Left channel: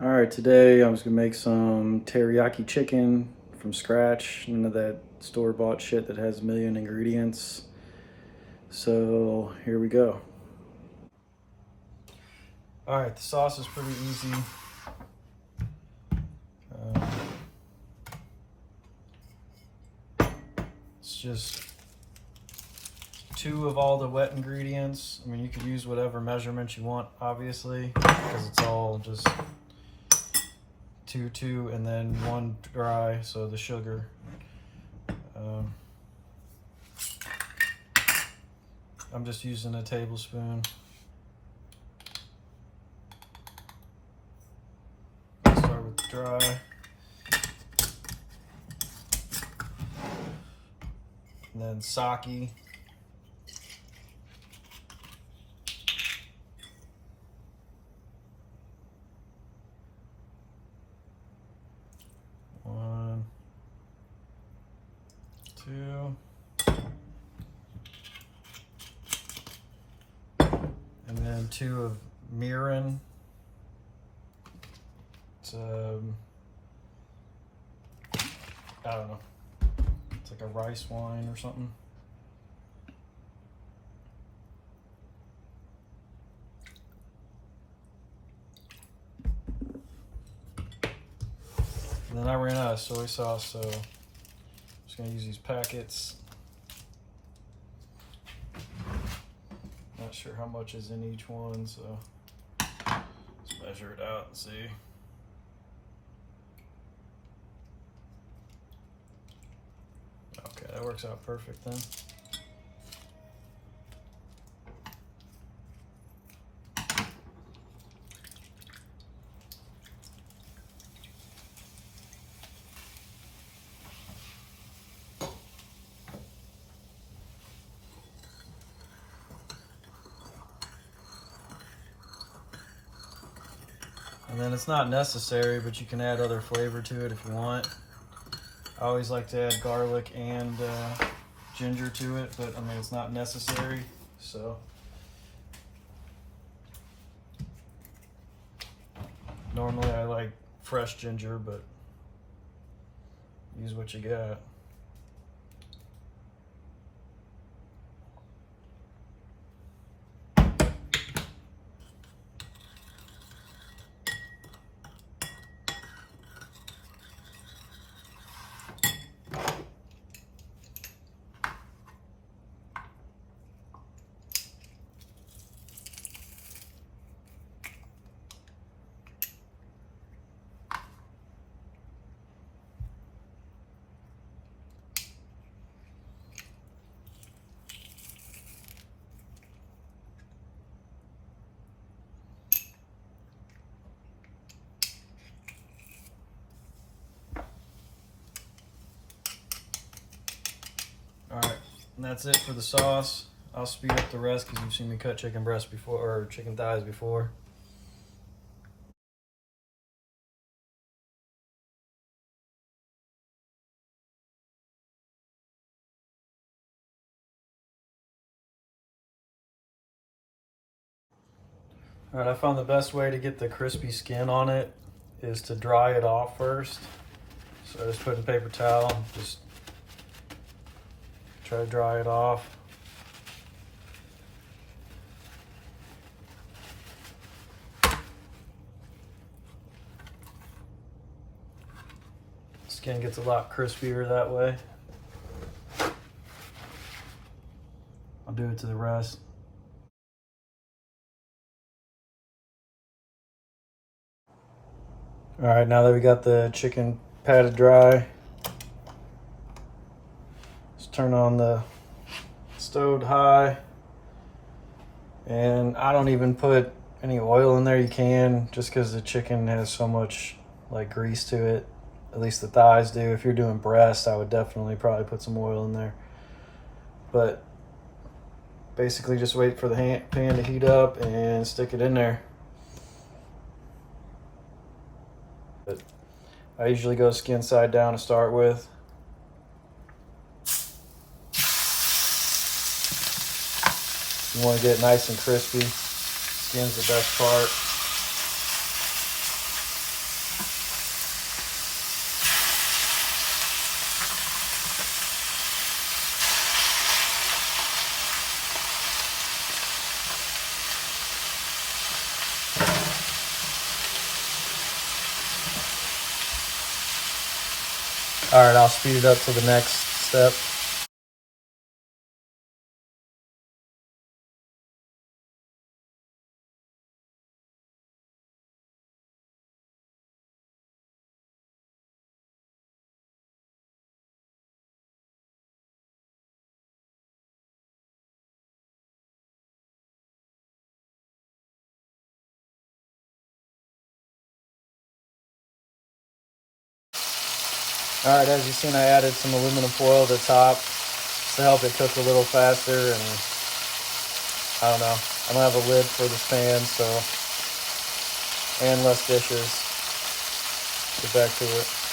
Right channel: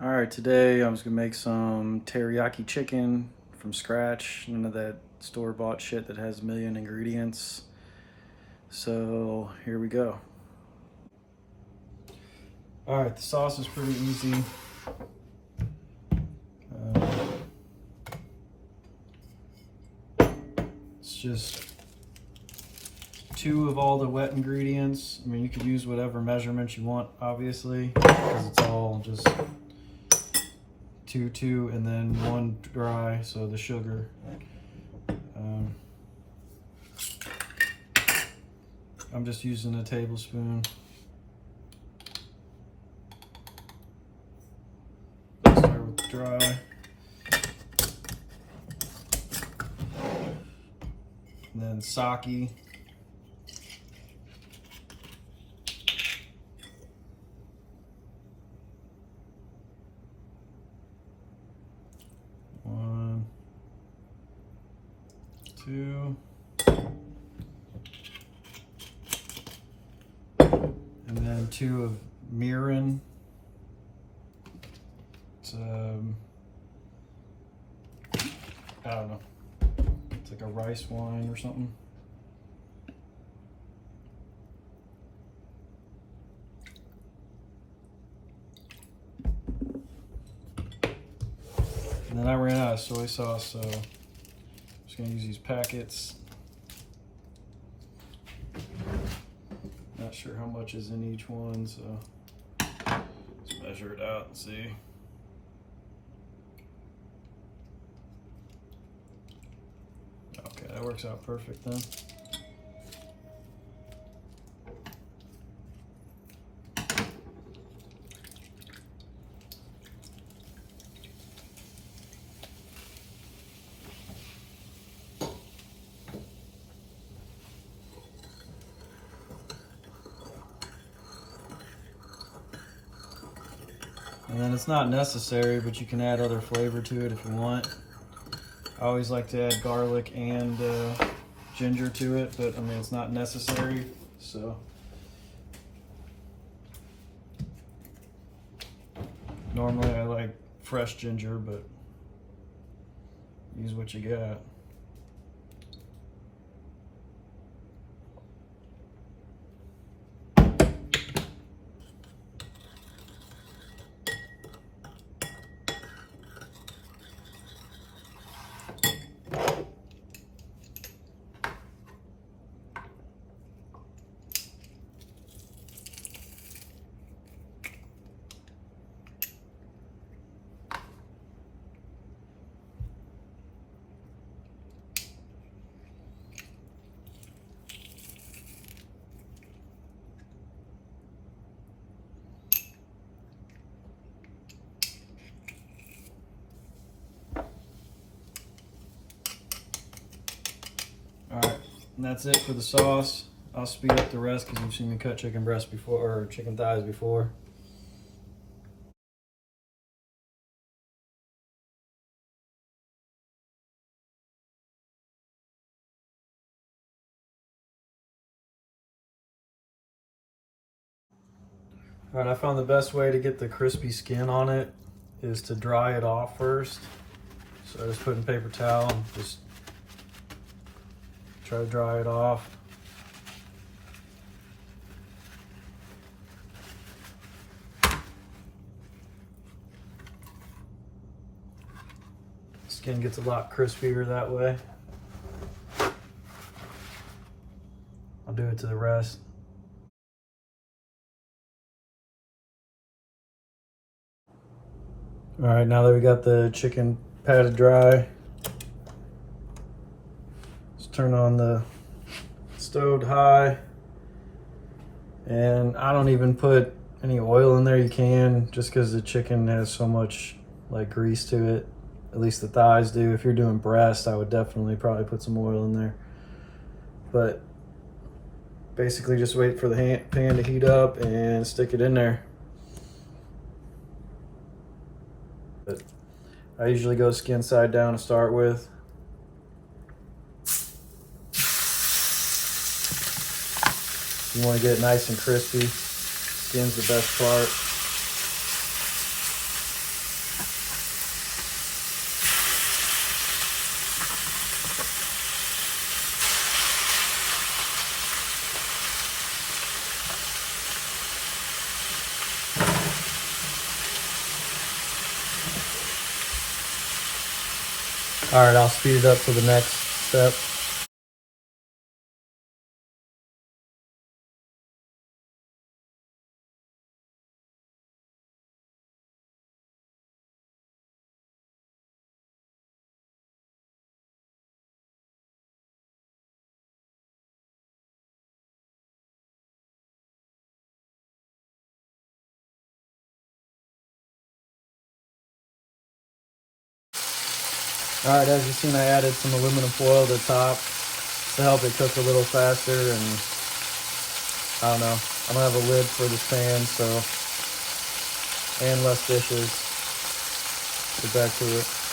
All right, today I was gonna make some teriyaki chicken from scratch. None of that store-bought shit that has a million ingredients. So here we go. All right, the sauce is pretty easy. It's just two of all the wet ingredients. I mean, you could use whatever measurements you want, obviously, because it's all just two, and then one dry, so the sugar. I'm just using a tablespoon. Start with dry. And then sake. One, two. And then two of mirin. It's I don't know. It's like a rice wine or something. And then I ran out of soy sauce, so I'm just gonna use these packets. Not sure how much is in each one, so let's measure it out and see. Okay, that works out perfect then. And then it's not necessary, but you can add other flavor to it if you want. I always like to add garlic and ginger to it, but I mean, it's not necessary, so. Normally I like fresh ginger, but use what you got. All right, and that's it for the sauce. I'll speed up the rest because you've seen me cut chicken breast before, or chicken thighs before. All right, I found the best way to get the crispy skin on it is to dry it off first. So I just put in paper towel, just try to dry it off. Skin gets a lot crispier that way. I'll do it to the rest. All right, now that we got the chicken patted dry, let's turn on the stove high. And I don't even put any oil in there. You can, just because the chicken has so much like grease to it. At least the thighs do. If you're doing breast, I would definitely probably put some oil in there. But basically just wait for the pan to heat up and stick it in there. But I usually go skin side down to start with. You want to get it nice and crispy. Skin's the best part. All right, I'll speed it up to the next step. All right, as you've seen, I added some aluminum foil to the top to help it cook a little faster, and I don't know, I don't have a lid for this pan, so, and less dishes. Get back to it.